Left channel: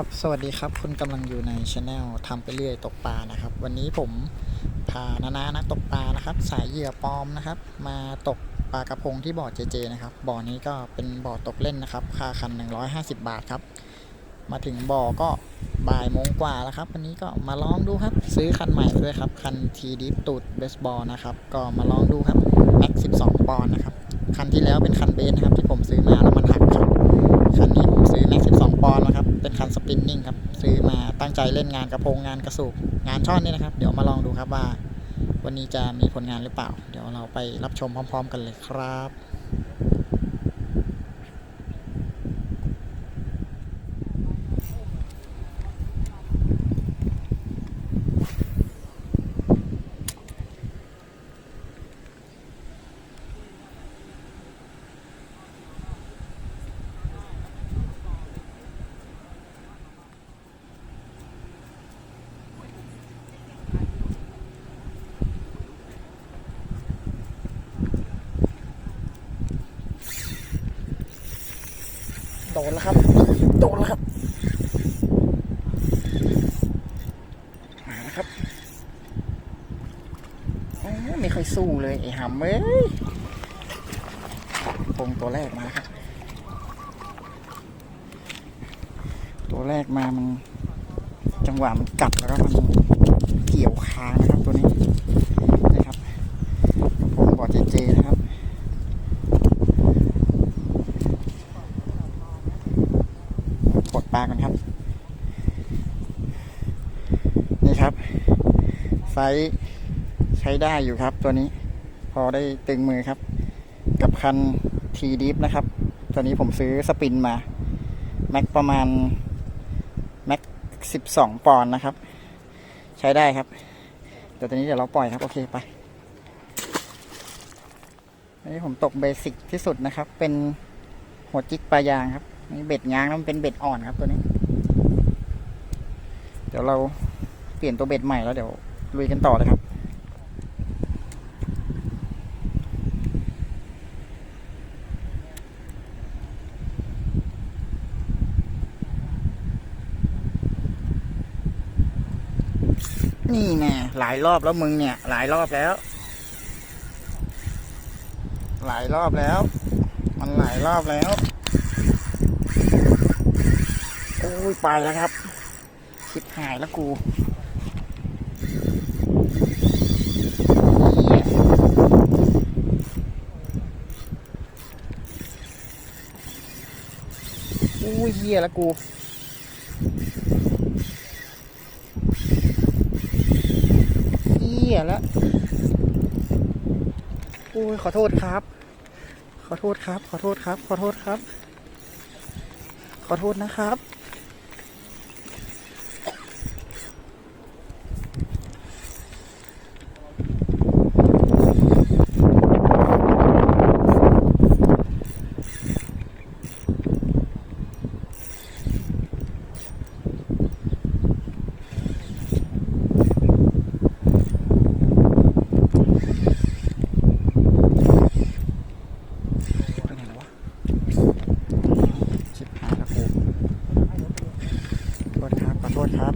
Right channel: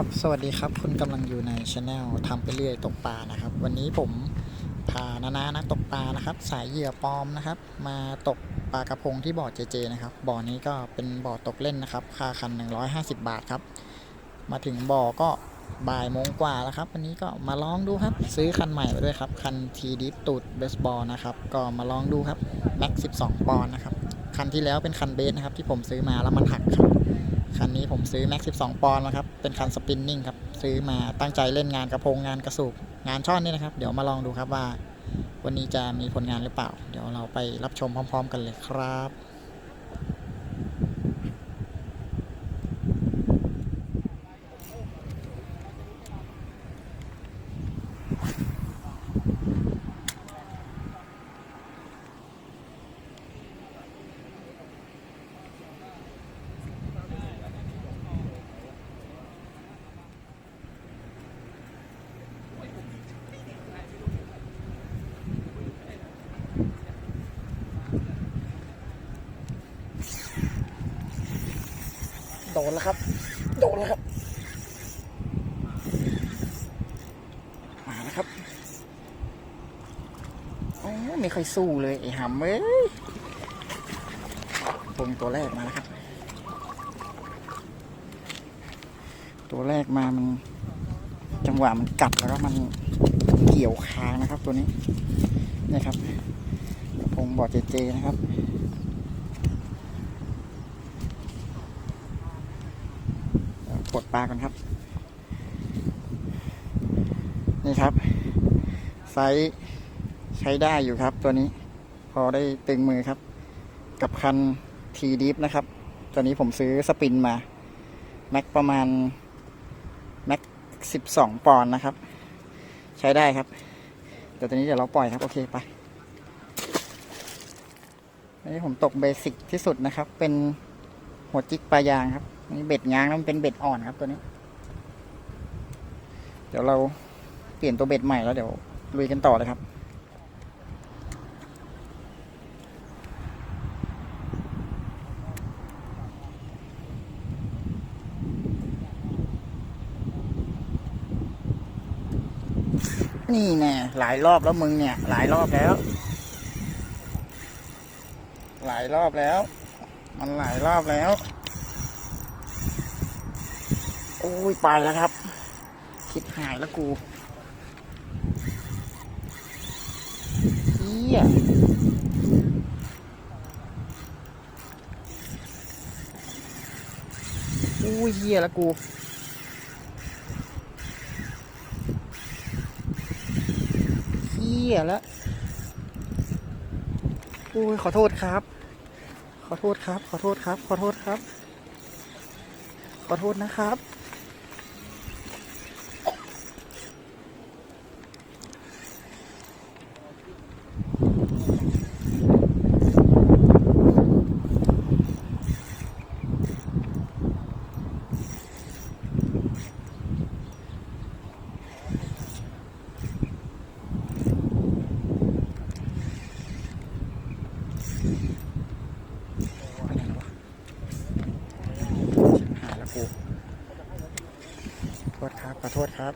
ครับสวัสดีครับ คุณกำลังอยู่ในช anel ทำไปเรื่อยตกปลานะครับ วันนี้ผมพานานานักตกปลานะครับ สายเหยื่อปลอมนะครับ มาตกปลากระพงที่บ่อเจเจนะครับบ่อนี้ก็เป็นบ่อตกเล่นนะครับ ค่าคัน 150 บาทครับ มาถึงบ่อก็บ่ายโมงกว่าแล้วครับ วันนี้ก็มาลองดูครับ ซื้อคันใหม่ไปด้วยครับ คันทีดิฟตูดเบสบอลนะครับ ก็มาลองดูครับแม็ก12ปอนด์นะครับคันที่แล้วเป็นคันเบสนะครับที่ผมซื้อมาแล้วมันหักครับ คันนี้ผมซื้อแม็ก12 ปอนด์นะครับ เป็นคันสปินนิ่งครับ ซื้อมาตั้งใจเล่นงานกระพงงานกระสูบงานช่อนนี่นะครับ เดี๋ยวมาลองดูครับว่า วันนี้จะมีผลงานหรือเปล่า เดี๋ยวเราไปรับชมพร้อม ๆ กันเลยครับ ดแล้วครับ โดนแล้วครับ มาแล้วครับโอ้ไม่ค่อยสู้เลยไอ้หำเอ้ยปงตัวแรกมาแล้วครับ ตัวแรกมามัน จังหวะมันกัดแล้วก็มันเกี่ยวคางนะครับตัวนี้นะครับกระพงบอดเจเจนะครับ ปลากันครับ นี่ครับ ไซส์ใช้ได้อยู่ครับ ตัวนี้ พอได้ตึงมือครับ กับคันทีดิฟนะครับ ตัวนี้ผมซื้อสปินมา แม็กประมาณ แม็กสิบสองปอนด์นะครับ ใช้ได้ครับเดี๋ยวตัวนี้เดี๋ยวเราปล่อยครับ โอเคไปอันนี้ผมตกเบสิกที่สุดนะครับ เป็นหัวจิกปลายางครับ นี่เบ็ดง้างแล้วมันเป็นเบ็ดอ่อนครับตัวนี้ เดี๋ยวเราเปลี่ยนตัวเบ็ดใหม่แล้วเดี๋ยวลุยกันต่อเลยครับนี่แน่หลายรอบแล้วมึงเนี่ย หลายรอบแล้ว หลายรอบแล้ว มันหลายรอบแล้ว โอ้ย ไปแล้วครับคิดหายแล้วกูเฮียโอ้ยเฮียแล้วกู เฮียแล้วโอ้ยขอโทษครับ ขอโทษครับ ขอโทษครับ ขอโทษครับ ขอโทษนะครับ ไปไหนแล้ววะชิบหายแล้วกูโทษครับ ขอโทษครับ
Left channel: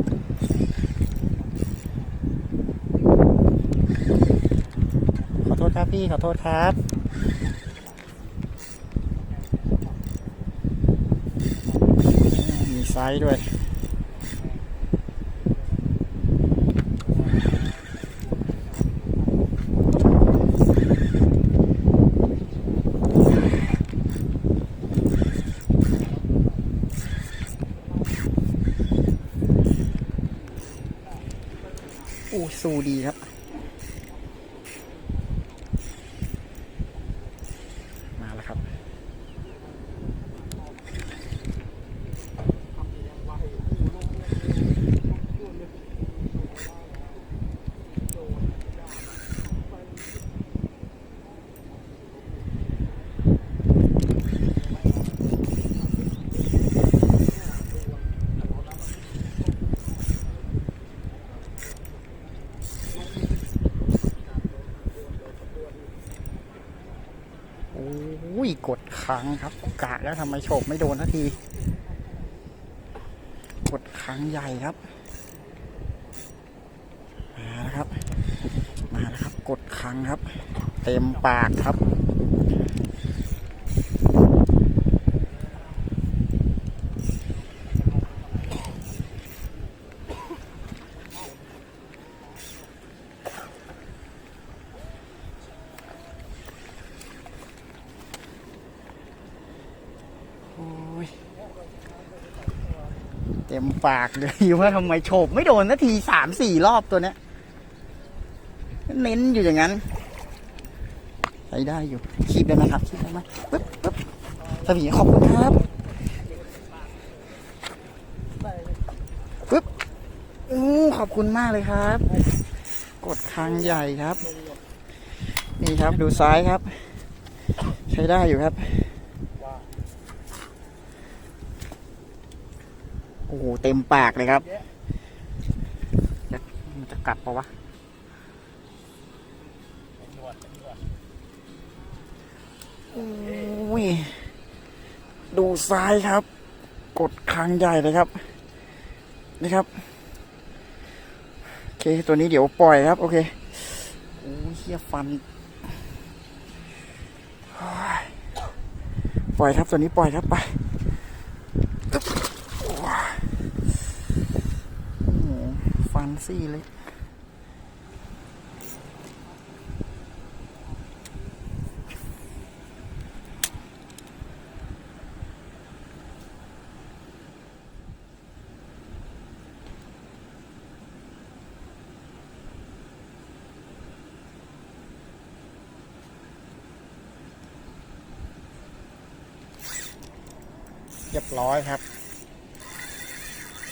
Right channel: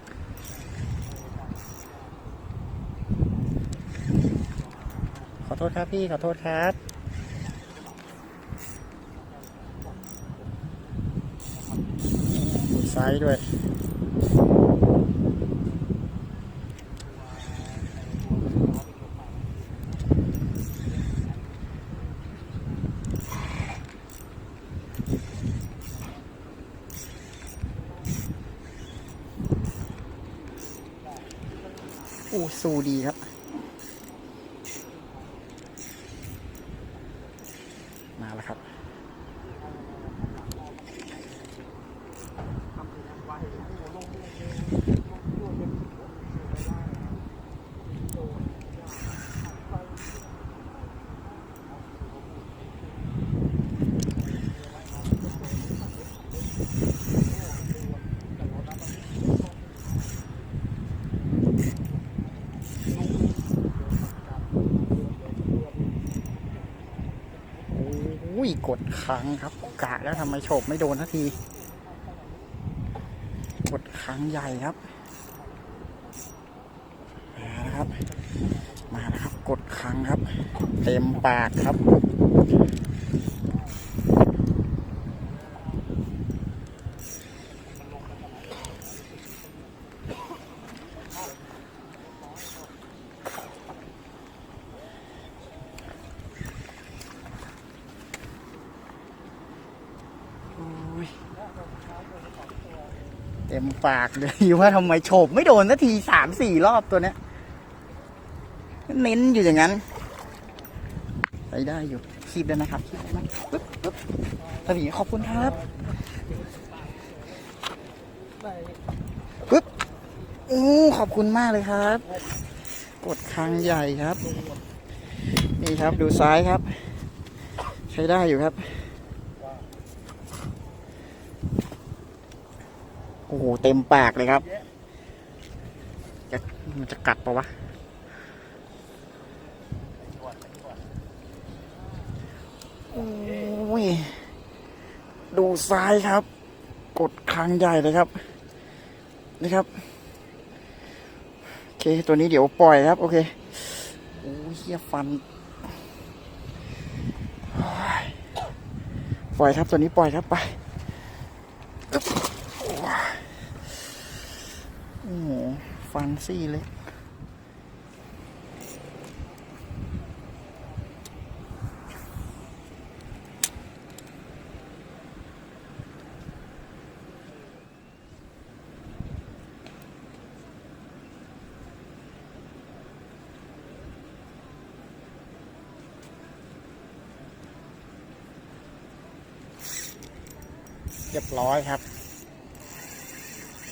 ขอโทษครับ พี่ขอโทษครับ มีไซส์ด้วยอู้สูดีครับ มาแล้วครับ โอ้ย กดค้างครับ กะแล้วทำไมโฉบไม่โดนทันที กดค้างใหญ่ครับ มาแล้วครับ มาแล้วครับ กดค้างครับ เต็มปากครับ ปากเลยว่าทำไมโฉบไม่โดนสักทีสามสี่รอบตัวเนี้ยเน้นอยู่อย่างนั้นไปได้อยู่คีบแล้วนะครับคีบแล้วนะปึ๊บปึ๊บสวีขอบคุณครับปึ๊บอู้ขอบคุณมากเลยครับ กดคางใหญ่ครับ นี่ครับดูซ้ายครับ ใช้ได้อยู่ครับ โอ้โหเต็มปากเลยครับจะจะกัดปะวะโอ้ยดูซ้ายครับ กดคางใหญ่เลยครับนี่ครับโอเคตัวนี้เดี๋ยวปล่อยครับ โอเคโอ้ยเฮียฟันปล่อยครับตัวนี้ปล่อยครับไปอึ๊บโอ้ยโอ้โห ฟันซี่เล็กเรียบร้อยครับ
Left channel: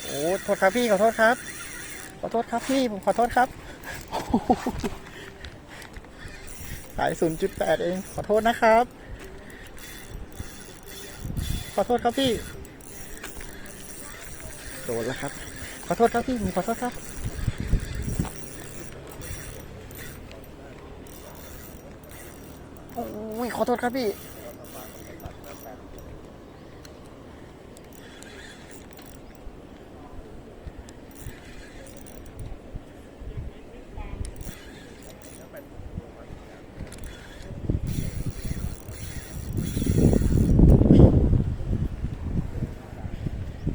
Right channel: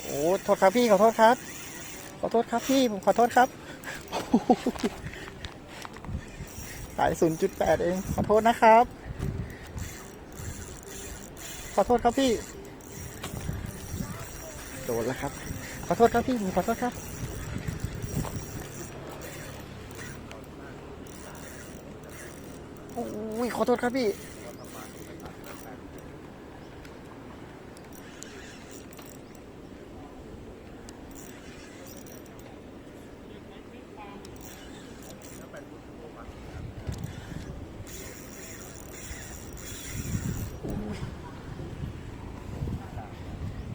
โอ้โทษครับพี่ขอโทษครับ ษครับพี่ผมขอโทษครับสายศูนย์จุดแปดเอง ขอโทษนะครับ ขอโทษครับพี่ โดนแล้วครับ ขอโทษครับพี่ผมขอโทษครับ โอ้ย ขอโทษครับพี่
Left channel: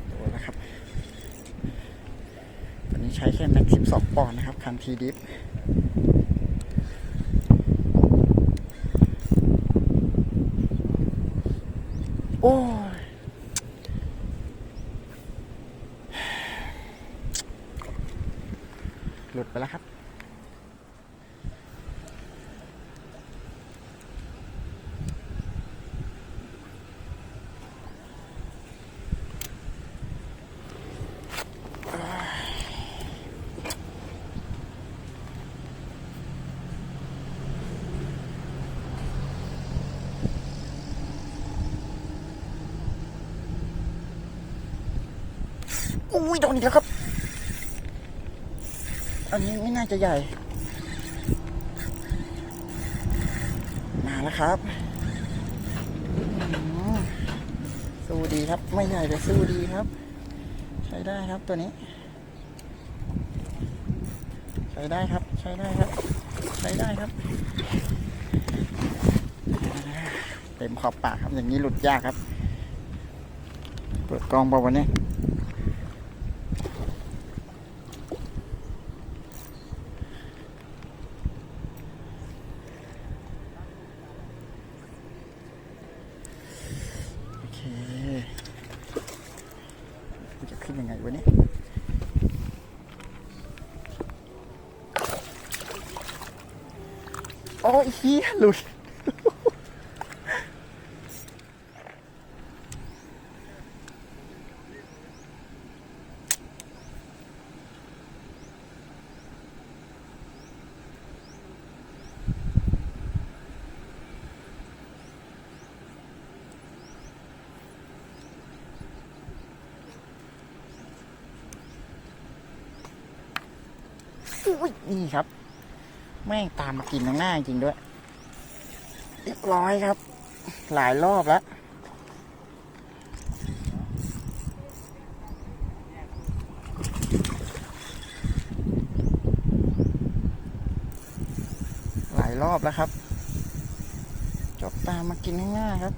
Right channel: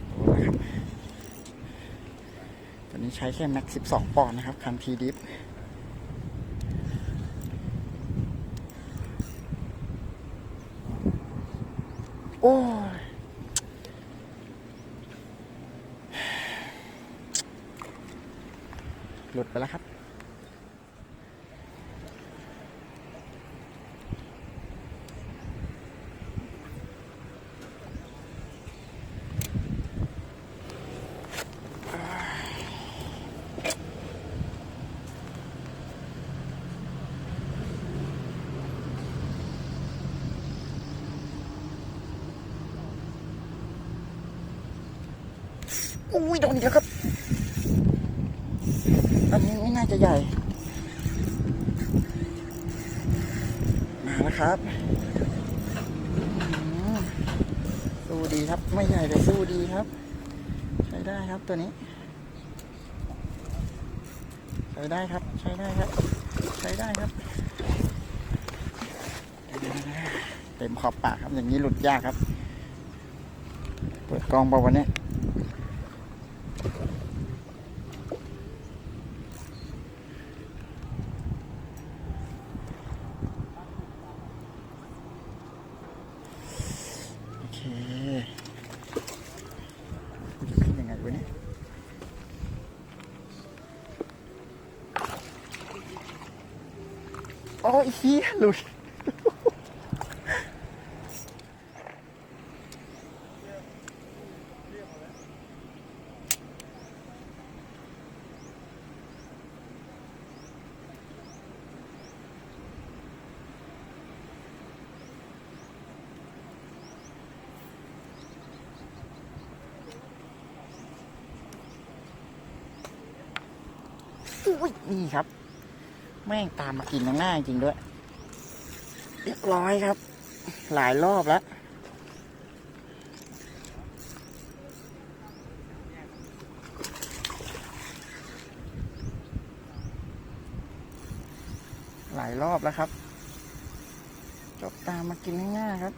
โอ้แล้วครับตัวนี้ใช้แค่แม็ก12 ปอนด์นะครับ คันทีดิฟโอ้ย หลุดไปแล้วครับ อุ้ยโดนอีกแล้วครับ อันนี้ไม่น่าจะใหญ่ มาแล้วครับ สู้ดีครับ ไม่ใหญ่แต่สู้ดีครับ ใช้ได้ครับตัวนี้ ใช้ได้ครับ ใช้ได้ครับ ใช้ได้ครับ เต็มขอบปากครับ อย่างนี้หลุดยากครับ เปิดกล้องเปล่าวันนี้ โอเคกูจะขึ้นยังไงวะเนี่ยโอ้ยเฮียหลุดอุ้ยนี่ครับ แม่งตามมากินข้างหน้าจริงด้วย เรียบร้อยครับ หลายรอบแล้วหลายรอบแล้วครับ จบตามมากินข้างหน้าครับ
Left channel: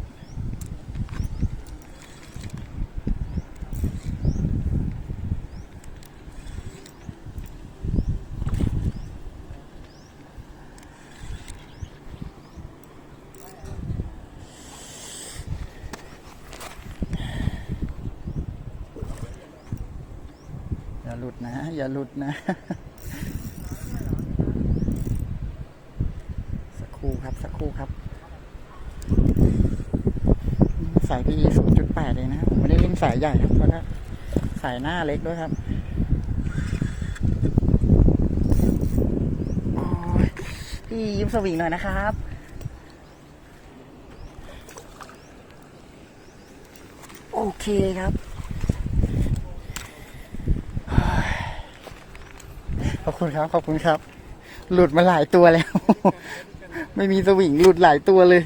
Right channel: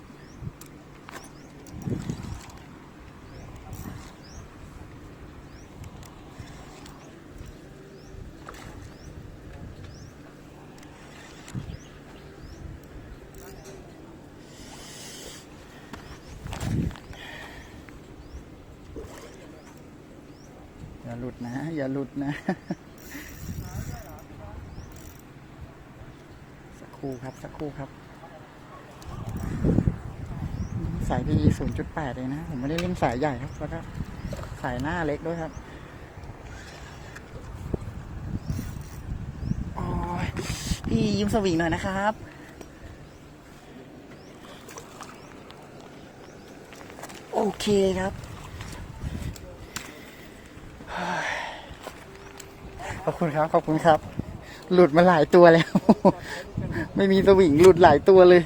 นะ สักครู่ครับสักครู่ครับ สายพีศูนย์จุดแปดเองนะ ผมไม่ได้เล่นสายใหญ่ครับแล้วก็สายหน้าเล็กด้วยครับพี่ยิ้มสวิงหน่อยนะครับโอเคครับ ขอบคุณครับ ขอบคุณครับ หลุดมาหลายตัวแล้ว ไม่มีสวิงหลุดหลายตัวเลย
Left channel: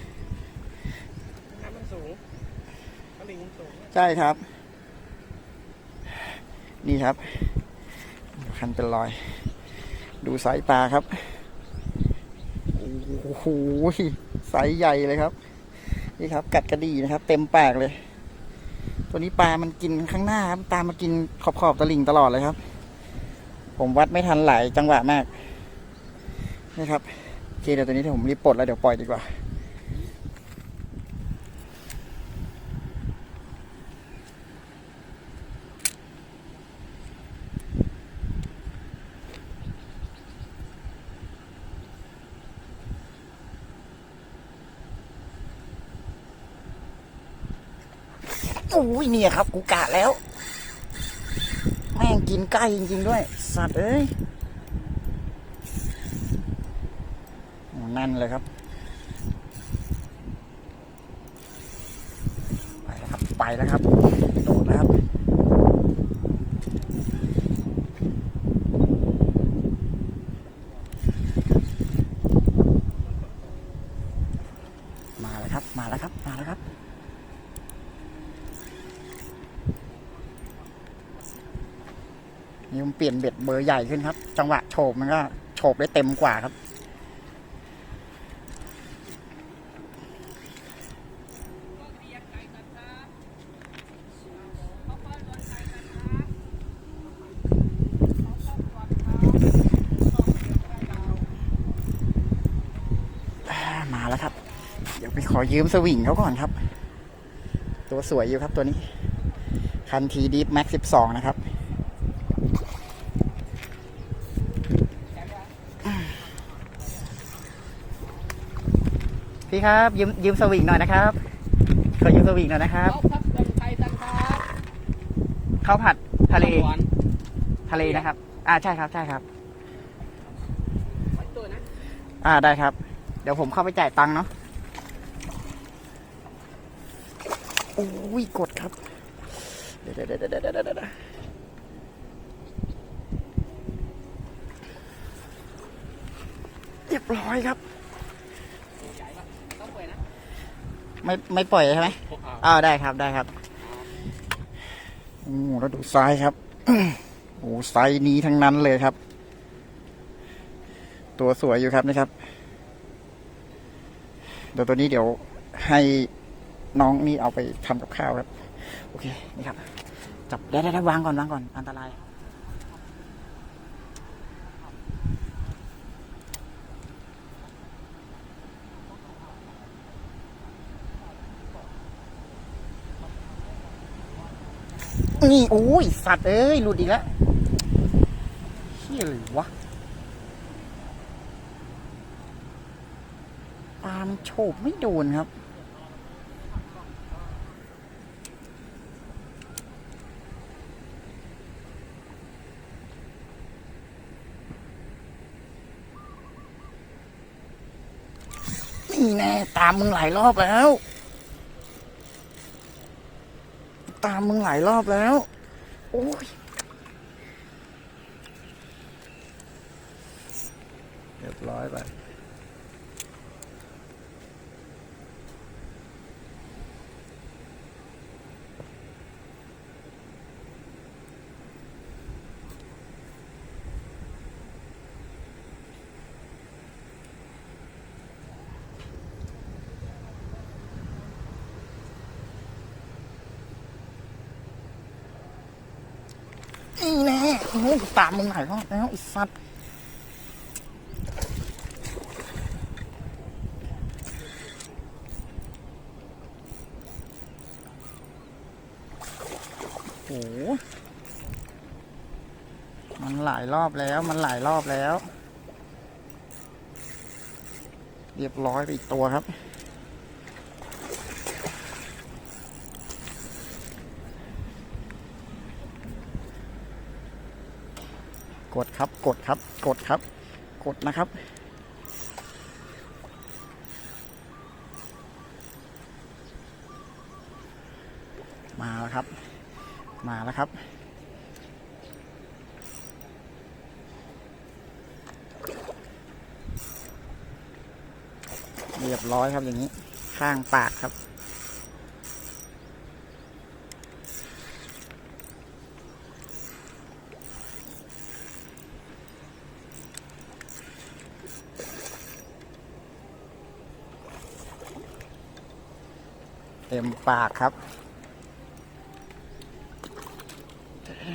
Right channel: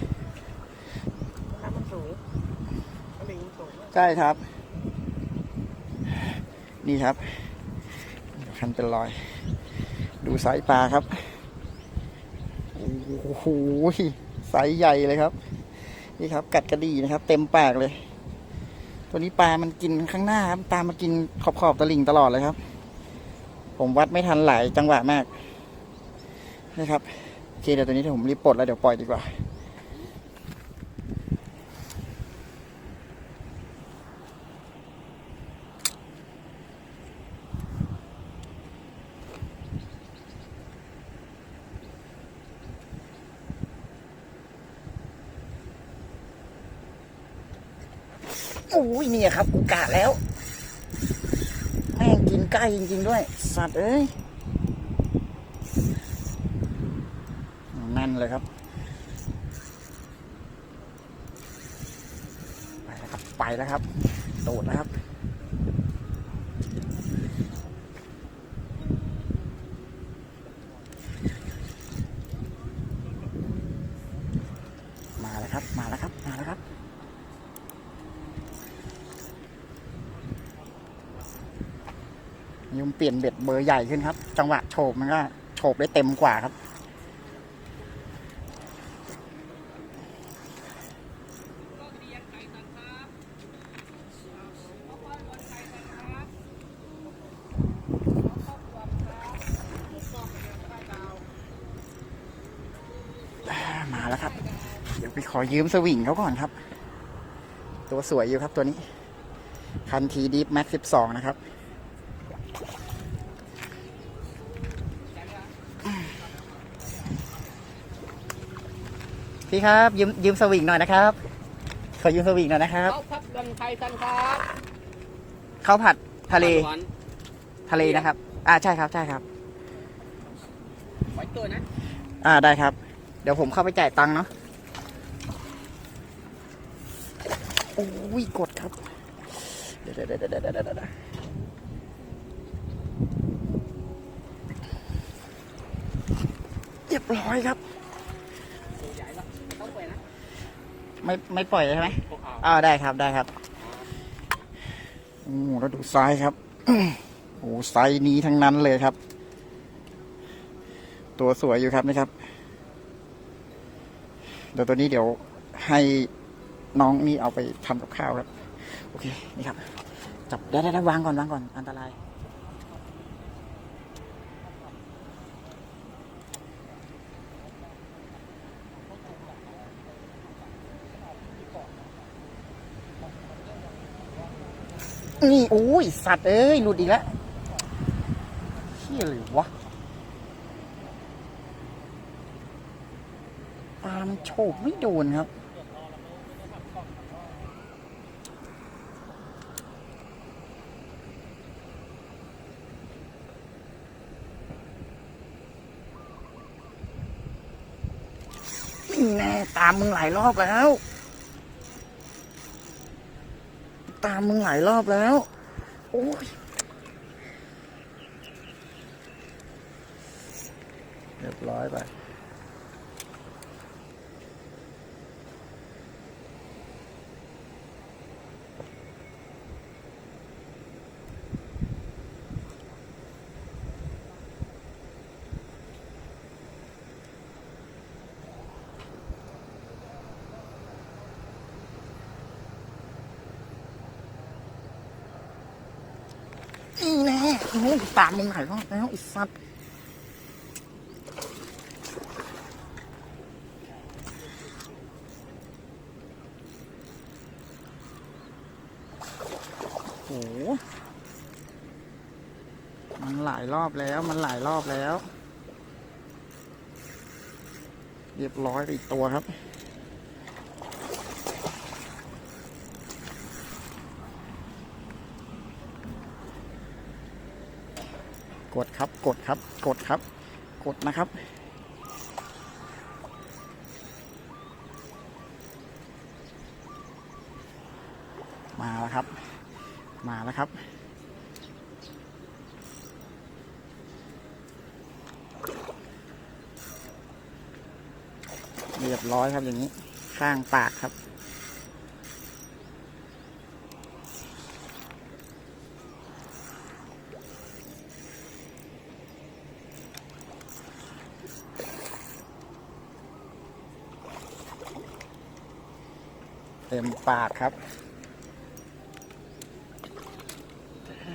ใช่ครับ นี่ครับคันเป็นรอย ดูไซส์ปลาครับโอ้โหไซส์ใหญ่เลยครับ นี่ครับ กัดกระดีนะครับ เต็มปากเลย ตัวนี้ปลามันกินข้างหน้าครับ ตามมากินขอบขอบๆตลิ่งตลอดเลยครับ ผมวัดไม่ทันหลายจังหวะมากนะครับโอเคเดี๋ยวตัวนี้เดี๋ยวผมรีบปลดแล้วเดี๋ยวปล่อยดีกว่าโอ้ยเนี่ยครับ กูกะแล้ว ใกล้จริงๆด้วย สัตว์เอ้ยนั่นเลยครับ ไปแล้วครับ ไปแล้วครับ โดดแล้วครับ มาแล้วครับ มาแล้วครับ มาแล้วครับ นี่ผมเปลี่ยนเบ็ดเบอร์ใหญ่ขึ้นครับ จังหวะโฉบมันก็โฉบได้เต็มกว่าครับ มาแล้วครับ เดี๋ยวไปขอยืมสวิงเขาก่อนครับ ตัวสวยอยู่ครับตัวนี้ คันทีดีฟแม็กสิบสองนะครับ พี่ครับยืมยืมสวิงหน่อยนะครับขอยืมสวิงหน่อยนะครับเอาครับตังไทยตังครับข้าวผัดทะเลหวานทะเลนะครับ อ่าใช่ครับใช่ครับ ไว้ตัวนะอ่าได้ครับ เดี๋ยวผมเข้าไปจ่ายตังค์เนาะโอ้ยกดครับเดี๋ยวเดี๋ยวเดี๋ยวเดี๋ยวเดี๋ยวเดี๋ยวเรียบร้อยครับ ต้องไปนะ ไม่ไม่ปล่อยใช่ไหมพวกเอาอ่าได้ครับได้ครับโอ้โหแล้วดูไซส์ครับโอ้โหไซส์นี้ทั้งนั้นเลยครับ ตัวสวยอยู่ครับนะครับเดี๋ยวตัวนี้เดี๋ยวให้น้องนี่เอาไปทำกับข้าวครับ โอเค นี่ครับ จับได้ได้ได้วางก่อนวางก่อน อันตราย นี่โอ้ยสัตว์เอ้ยหลุดอีกแล้วเชี่ยเลยวะปลามันโฉบไม่โดนครับนี่แน่ตามมึงหลายรอบแล้ว ตามมึงหลายรอบแล้ว โอ้ย เรียบร้อยไป นี่ ฮ้ยตามมึงหลายรอบแล้วไอ้สัตว์โอ้โหมันหลายรอบแล้ว มันหลายรอบแล้ว เรียบร้อยไปอีกตัวครับ กดครับกดครับ กดครับ กดนะครับ มาแล้วครับ มาแล้วครับเรียบร้อยครับอย่างนี้ ข้างปากครับ ต็มปากครับ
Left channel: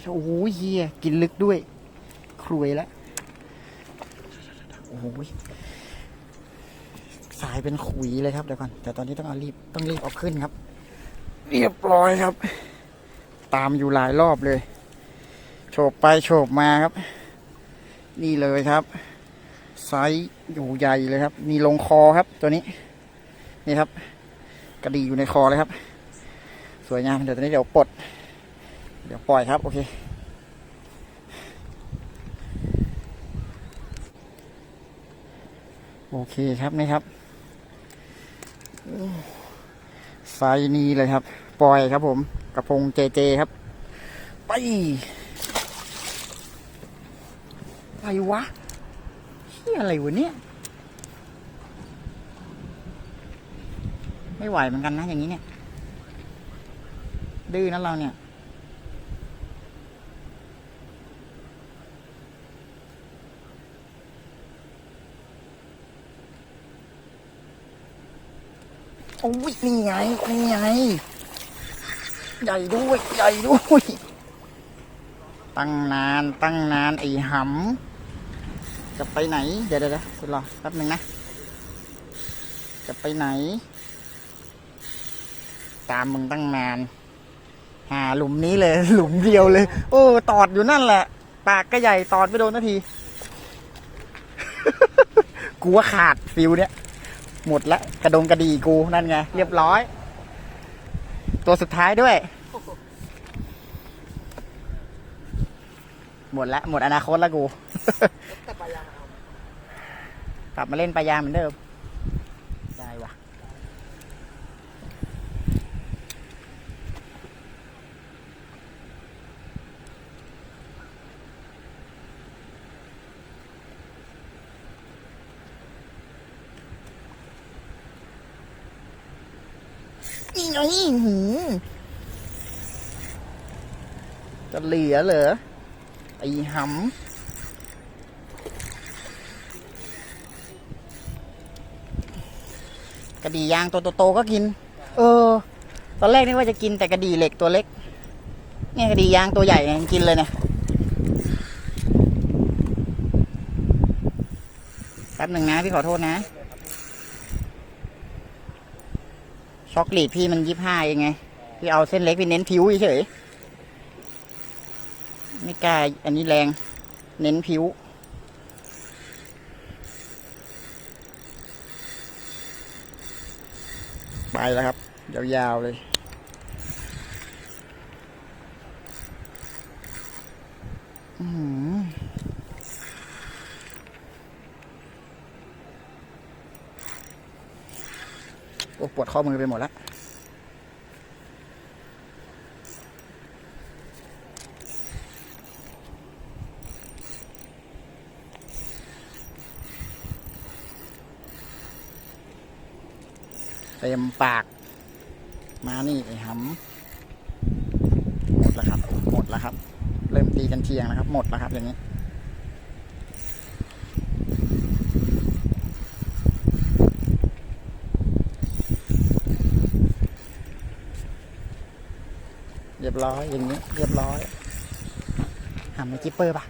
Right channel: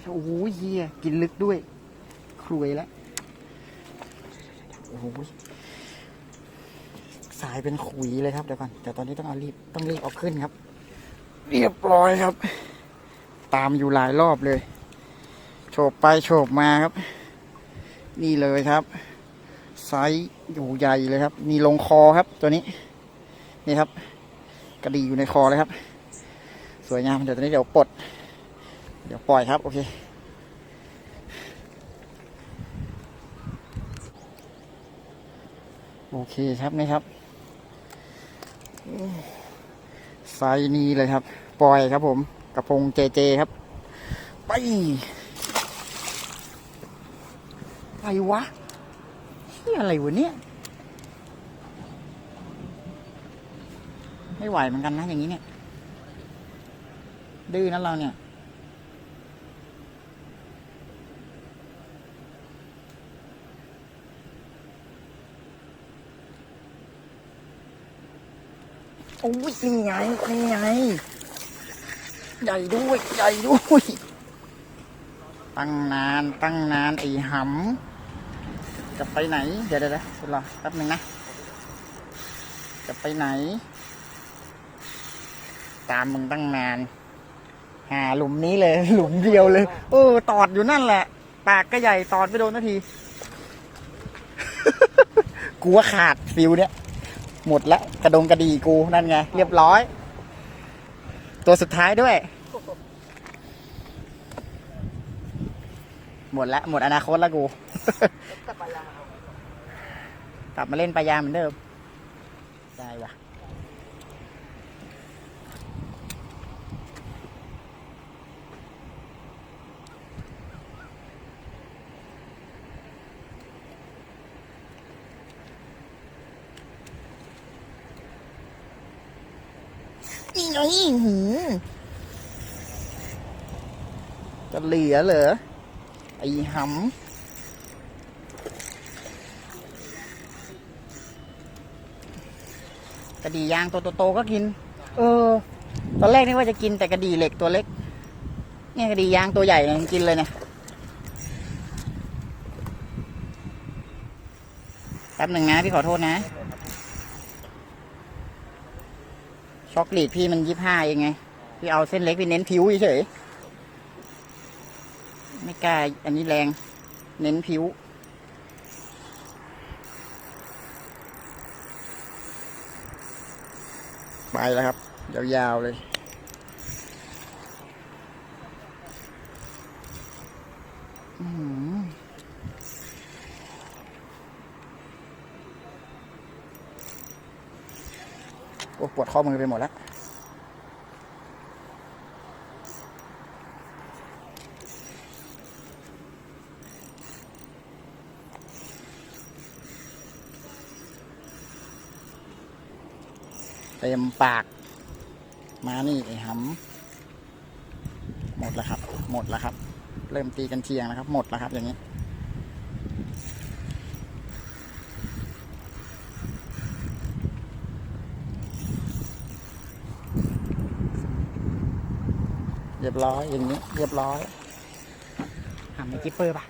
โอ้โหเฮียกินลึกด้วย ครวยแล้วโอ้โหสายเป็นขุยเลยครับเดี๋ยวก่อน แต่ตอนนี้ต้องเอารีบต้องรีบเอาขึ้นครับ เรียบร้อยครับ ตามอยู่หลายรอบเลย โฉบไปโฉบมาครับ นี่เลยครับไซส์อยู่ใหญ่เลยครับ มีลงคอครับตัวนี้ นี่ครับ กระดีอยู่ในคอเลยครับ สวยงามเดี๋ยวตอนนี้เดี๋ยวปลด เดี๋ยวปล่อยครับ โอเคโอเคครับนี่ครับไซส์นี้เลยครับ ปล่อยครับผมกระพงเจเจครับ ไปไปวะเฮียอะไรวะเนี่ย ไม่ไหวเหมือนกันนะ อย่างนี้เนี่ย ดื้อนะเราเนี่ย โอ้ยนี่ไงนี่ไง ใหญ่ด้วย ใหญ่ด้วย ตั้งนาน ตั้งนาน ไอ้หำ จะไปไหน เดี๋ยวเดี๋ยวเดี๋ยวรอแป๊บหนึ่งนะ จะไปไหน ตามมึงตั้งนาน หาหลุมนี้เลย หลุมเดียวเลย โอ้ตอดอยู่นั่นแหละ ปากก็ใหญ่ตอดไม่โดนนาทีกูว่าขาดฟิวเนี่ย หมดละกระดงกระดีกูนั่นไง เรียบร้อย ตัวสุดท้ายด้วย หมดละหมดอนาคตละกูกลับมาเล่นปลายางเหมือนเดิม ได้วะ นี่ไงหืมจะเหลือเหรอ ไอ้หำกระดี่ยางตัวโตๆก็กิน เออ ตอนแรกนึกว่าจะกินแต่กระดี่เหล็กตัวเล็ก เนี่ยกระดี่ยางตัวใหญ่เนี่ยกินเลยเนี่ยแป๊บหนึ่งนะ พี่ขอโทษนะ ช็อกลีดพี่มันยี่ห้าเองไง พี่เอาเส้นเล็กพี่เน้นผิวเฉยไม่กล้าอันนี้แรง เน้นผิว ไปแล้วครับ ยาวๆเลยอื้อหือโอ้ ปวดข้อมือไปหมดแล้วเต็มปาก มานี่ไอ้หำหมดแล้วครับ หมดแล้วครับ เริ่มตีกันเชียงแล้วครับ หมดแล้วครับอย่างนี้ ยบร้อยอย่างนี้ เรียบร้อยำไอ้กิปเปอร์ปะ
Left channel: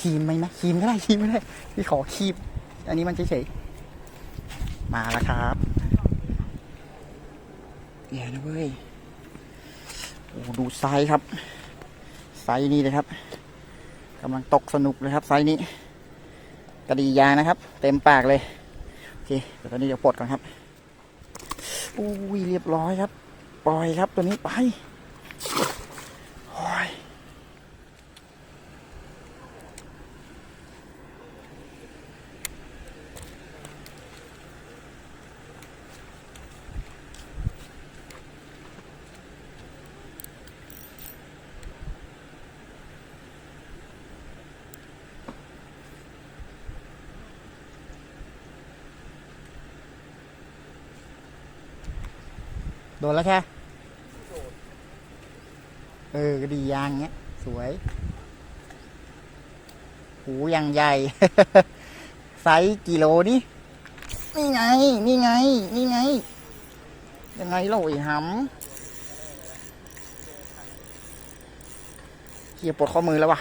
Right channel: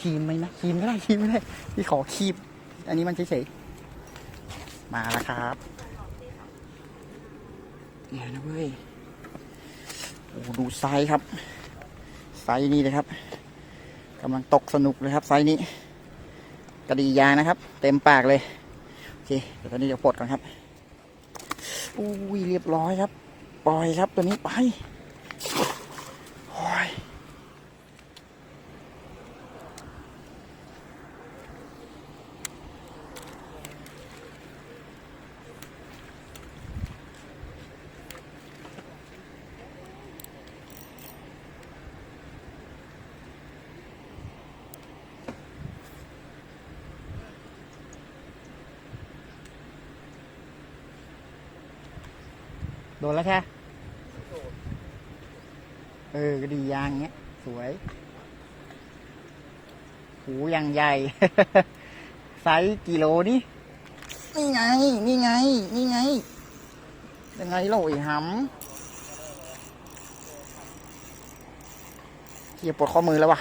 คีมไหมไหมคีมก็ได้คีมก็ได้พี่ขอครีมอันนี้มันเฉยๆมาแล้วครับเดี๋ยนะเว้ยโอ้ดูไซส์ครับ ไซส์นี้เลยครับกำลังตกสนุกเลยครับ ไซส์นี้กระดียางนะครับ เต็มปากเลยโอเคเดี๋ยวตอนนี้เดี๋ยวปลดก่อนครับอุ้ยเรียบร้อยครับ ปล่อยครับตัวนี้ไป โอ้ยโดนแล้วแค่ เออกระดียางเนี้ย สวย หูยังใหญ่ ไซส์กิโลนี่นี่ไง นี่ไง นี่ไง ยังไงเราไอ้หำเฮียปวดข้อมือแล้ววะ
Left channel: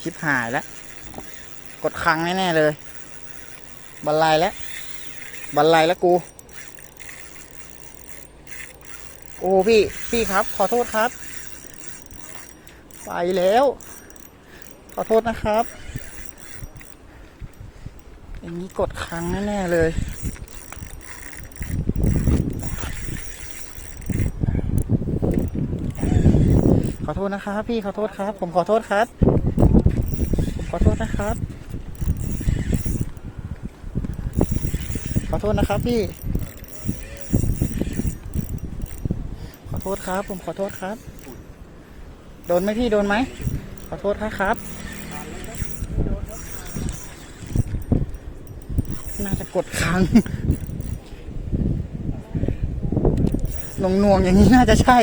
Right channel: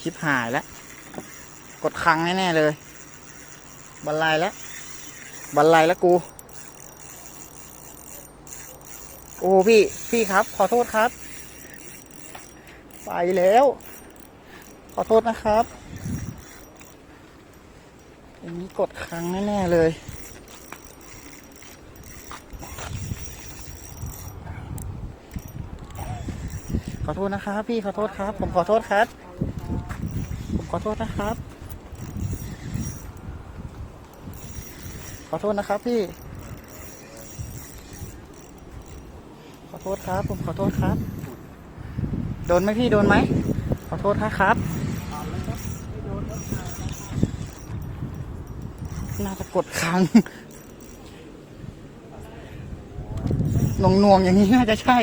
ชิบหายแล้ว กดคังแน่ ๆ เลยบันไลแล้ว บันไลแล้วกู โอ้พี่ พี่ครับ ขอโทษครับ ไปแล้ว ขอโทษนะครับอย่างนี้กดครั้งแน่ ๆ เลย ขอโทษนะครับ พี่ขอโทษครับ ผมขอโทษครับ ผมขอโทษนะครับ ขอ โทษนะครับพี่ ขอโทษครับ ผมขอโทษครับ โดนไหมพี่โดนไหม ขอโทษครับ น่าจะกดค้างหน่วงหน่วงๆอย่างนี้น่าจะใช่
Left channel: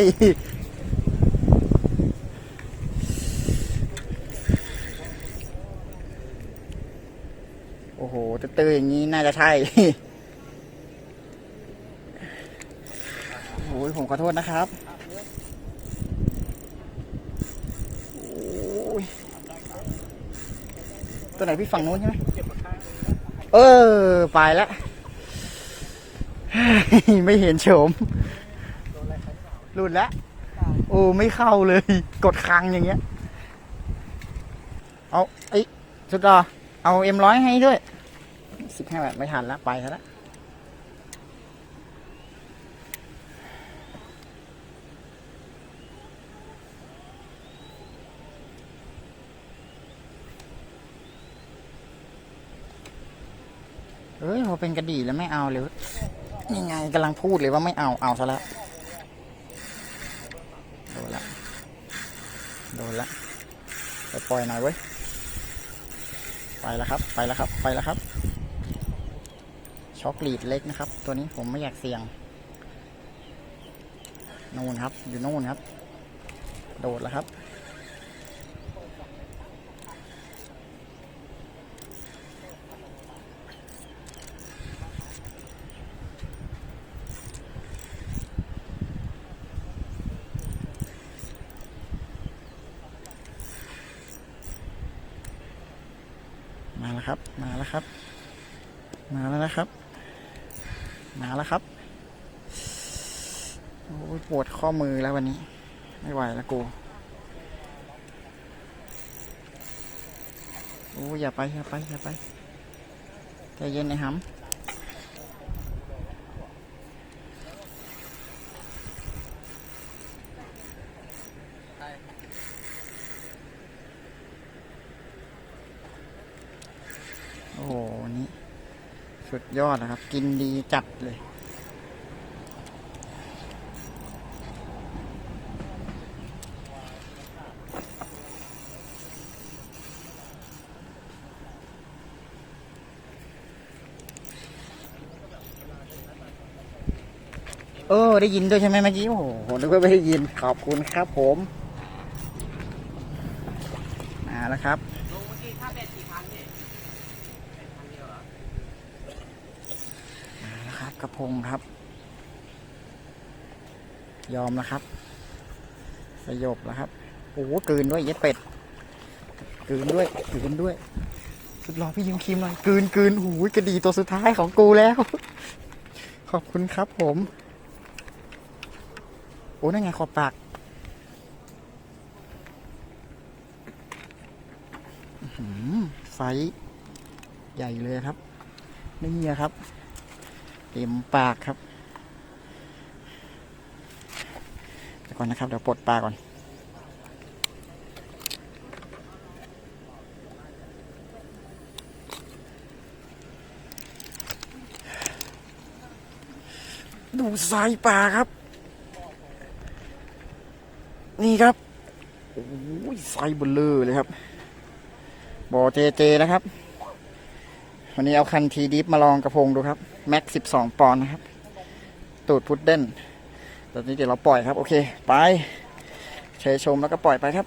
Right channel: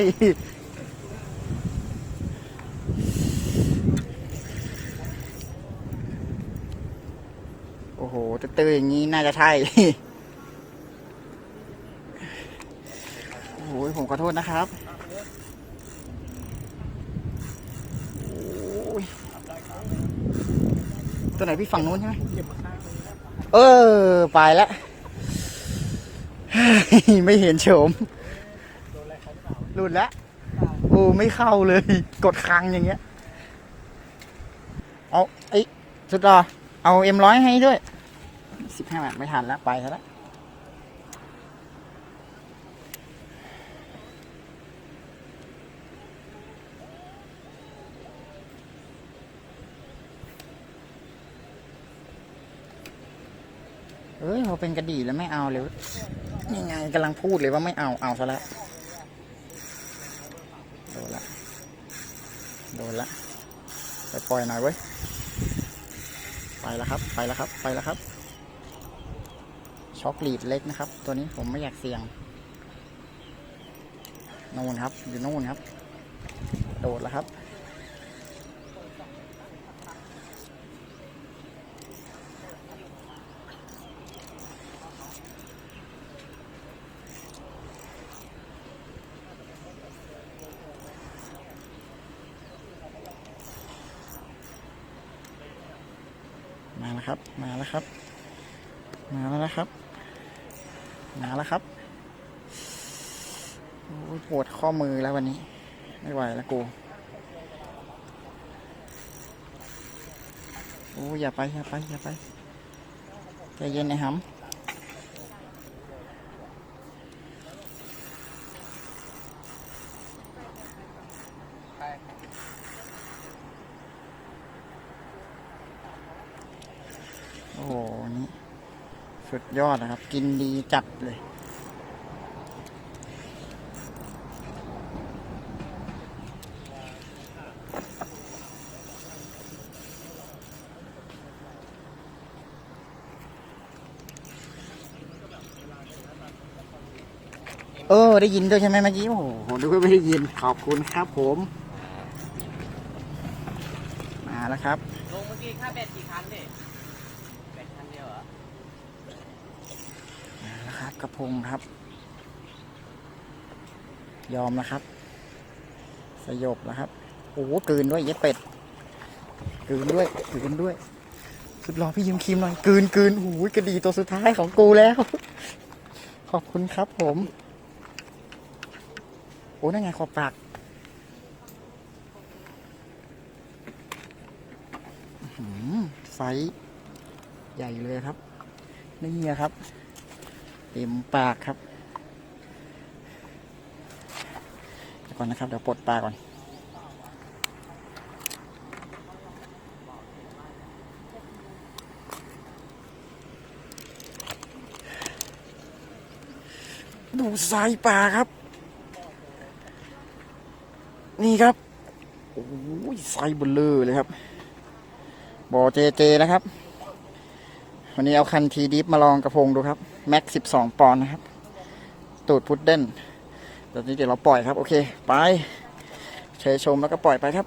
โอ้โหเตื้อๆอย่างนี้น่าจะใช่ โอ้ยผมขอโทษนะครับ โอ้ย ตัว ไหนพี่ฝั่งนู้นใช่ไหมเออ ไปแล้ว ไม่เห็นโฉมหลุดแล้ว โอ้ไม่เข้าเลย กดคังอย่างเงี้ย เอาไอ้สุดรอเอาเอ็มร้อยให้ด้วยสิบห้าบาทไม่ทันแล้ว ไปซะแล้ว อ้ยพอเป็นกระดี่แล้วไม่เอาเลยนี่ไงกำลังพูดเลยว่าไม่เอาเอาซะแล้วโดนละโดนละไปปล่อยหน่อยเว้ยไปแล้วครับ ไปแล้วครับ ไปแล้วครับ ช็อกลีดเล็กนะครับ ตัวนี้ผมไม่อยากเสี่ยงนู่นครับ อยู่นู่นครับ โดดแล้วครับ ครับ มาแล้วครับ มาแล้วนะครับ มาแล้วครับ โอ้ยปวดข้อมือแล้ววันนี้ ไม่ไหวแล้วกูโอ้ยอย่าไปอย่าไปอย่าไปใจเย็นนะครับโอ้โหนี่สุด ยอดนะครับ กินดีจัดเลย เออ ได้ยินด้วยใช่ไหมเมื่อกี้ โอ้โหผมนึกว่าไม่ได้ยิน ขอบคุณครับผม มาแล้วครับ ลงเมื่อกี้ค่าเด็ดกี่คันดิเด็ดคันเดียวเห ระพงครับ ยอมนะครับ สยบแล้วครับโอ้โหกืนด้วยเย็ดเป็ดกืนด้วยกืนด้วยสุดรอพี่ยิงครีมหน่อยกืนกืนโอ้โหกระดีตัวสุดท้ายของกูแล้ว ขอบคุณครับผมโอ้นั่นไงขอบปากไฟใหญ่เลยครับ นี่ครับ เต็มปากครับเดี๋ยวก่อนนะครับเดี๋ยวปลดปลาก่อนดูทรายป่าครับ นี่ครับโอ้ยทรายเบลเลอร์เลยครับบ่อเจเจนะครับ วันนี้เอาคันทีดิฟมาลองกระพงดูครับ แม็กสิบสองปอนด์นะครับ ตูดพุดเด้นตอนนี้เดี๋ยวเราปล่อยครับ โอเค ไปเชยชมแล้วก็ปล่อยไปครับ